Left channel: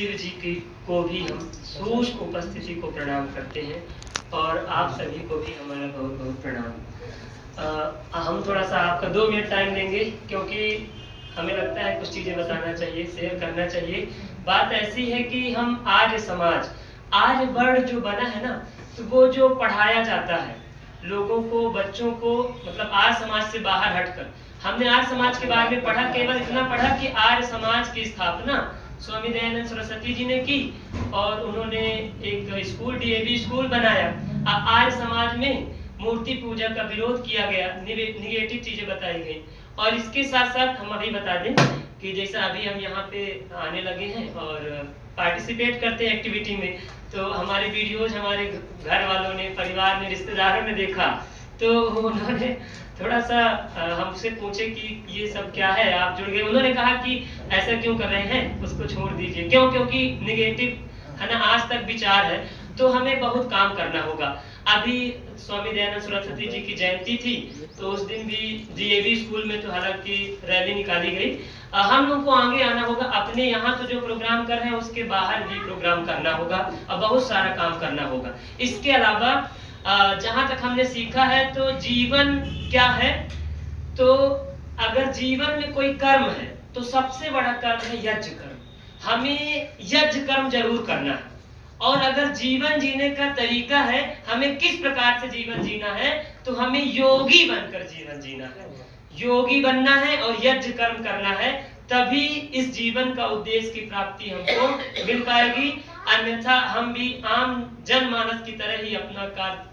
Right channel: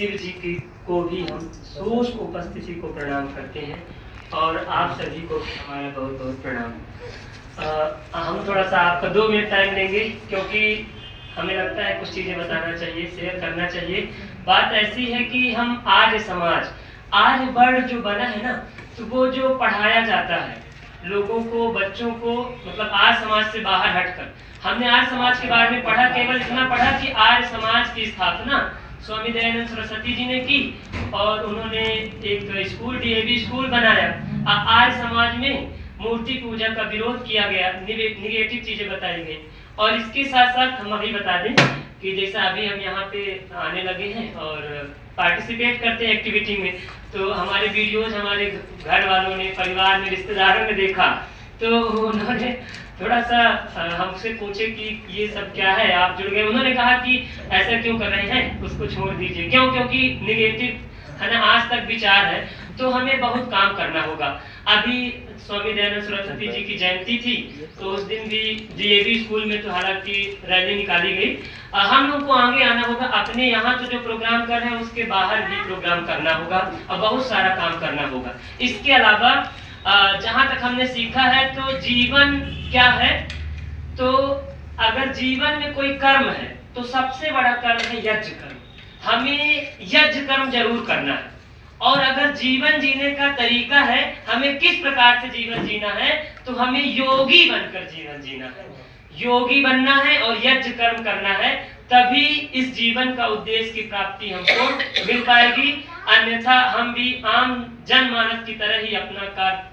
शिव जी की को भी हम सूक्ष्म उपस्थिति को प्रणाम करते हैं और आप सभी को भी हमारा बहुत बहुत प्रणाम। हम थोड़ा सा आपका 2 मिनट टाइम लेंगे क्योंकि हमें लगता है कुछ चीज़ें बताना चाहिए, शेयर करना चाहिए। बात ऐसी है कि हम आर्य समाज, आर्य वर्ण जो बना है ना, तो वो जो पढ़ाया जाता है लोगों को, बच्चों को, मतलब आर्य समाज से बाहर हटकर हमने आर्य समाज के बारे में पढ़ा, केवल इतना पढ़ा कि आर्य समाज की स्थापना स्वामी दयानंद सरस्वती जी ने की और उन्होंने एक स्कूल, डीएवी स्कूल बनाया। आर्य समाज में मूर्ति पूजा का विरोध किया गया, निगेटिव चीजें बताई गई। और इसके साथ साथ हम अभी बता दें कि जैसा अभी हम यहाँ पे आने लगे हैं और पार्टिसिपेट करते हैं एक्टिविटी में, तो हमारे वीडियोज हमारे घर वालों ने, परिवार में, रिश्तेदारों ने देखा तो उन्होंने थोड़ा सा हमसे पूछे कि ये सब क्या है, आप जुड़ गए। उन्होंने कहा कि ऐसा क्यों कर रहे हैं, उसको छोड़ दीजिए। क्यों? क्योंकि निगेटिव है ना, आज तक विचार है, तो हमें बहुत काम करना होगा। अभी स्वामी दयानंद सरस्वती जी की जयंती थी, तो उस दिन भी डीएवी स्कूल में तो हालांकि रैली निकाली गई। हम लोग को आगे आना होगा, अपने यहाँ तो जो प्रोग्राम कर रहे हैं उसके बाहर भी प्रोग्राम करना होगा और बहुत सारा काम करना होगा। इसके अलावा जहाँ तक हमने सीखा है तो जीवन क्या है, तो अगर जीवन में कोई कर्म है तो सबसे बड़ा कर्म है यज्ञ कर्म। हमें यज्ञ कर्म जरूर करना है। और अगर जीवन जीने का तरीका है, हमें किस प्रकार से जीवन जीना है, तो हमें योगी बनकर जीवन जीना है, योगी बनना है और यज्ञ कर्म करना है। तभी इस जीवन का उद्देश्य की प्राप्ति हमको मिल पाएगी। अन्यथा हम भी आम जनमानस की तरह ही अपना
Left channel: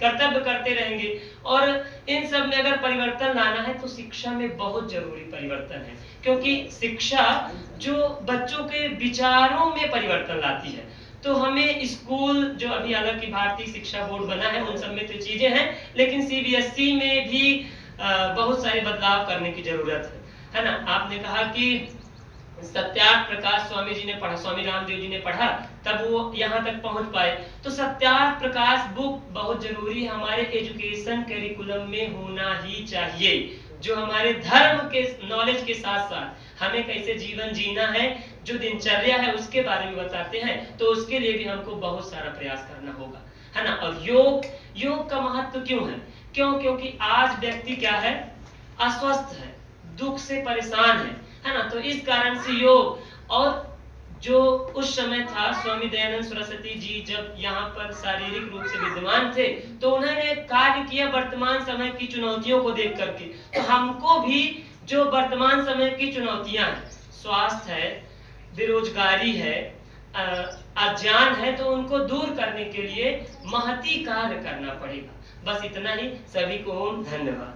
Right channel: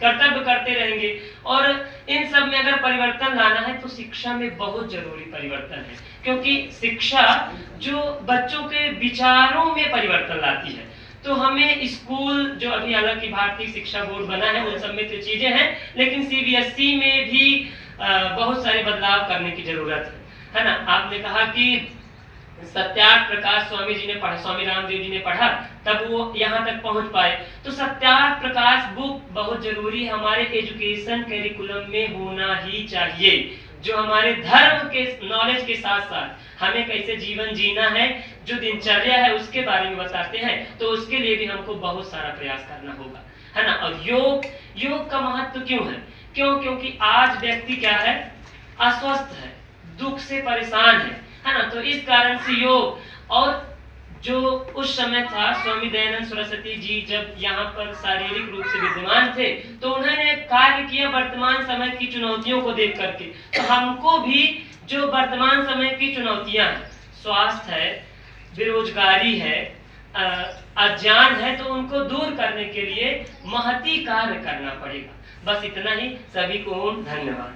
कर्तव्य करते रहेंगे। और इन सब में अगर परिवर्तन लाना है तो शिक्षा में बहुत जरूरी परिवर्तन है, क्योंकि शिक्षा जो बच्चों के विचारों में परिवर्तन लाती है। तो हमें स्कूल, जो अभी हालांकि भारतीय शिक्षा बोर्ड बना है, उन सब में तो चीजें हैं, लेकिन सीबीएसई में भी बहुत सारे बदलाव करने की जरूरत है ना। आपने कहा कि सत्यार्थ प्रकाश स्वामी जी ने पढ़ा, स्वामी रामदेव जी ने पढ़ा, तब वो यहाँ तक पहुंच पाए। तो सत्यार्थ प्रकाश बुक बहुत जरूरी हमारे एजुकेशन करिकुलम में होना ही चाहिए, जो हमारे धर्म के नॉलेज के साथ साथ हमें कैसे जीवन जीना है, जो दिनचर्या है उसके बारे में बताते हैं। तो उसके लिए भी हमको बहुत सारा प्रयास करना होगा, है ना। और योग का महत्व क्यों है? क्योंकि आज व्यक्ति क्या है, अस्वस्थ है, दुख से परेशान है ना। तो इस कारण से योग, और जो उस समय था स्वामी दयानंद सरस्वती जी जब यहाँ पर शारीरिक रूप से विद्यमान थे, तो उन्होंने कार्य किया वर्तमान समय की चुनौतियों को देख करके। तो हमको भी जो वर्तमान समय की चुनौतियां हैं, स्वास्थ्य है, बेरोजगारी है, अज्ञान है, तो उनको दूर करने के लिए महती कार्य करना पड़ेगा। बस इतना ही। सभी को धन्यवाद।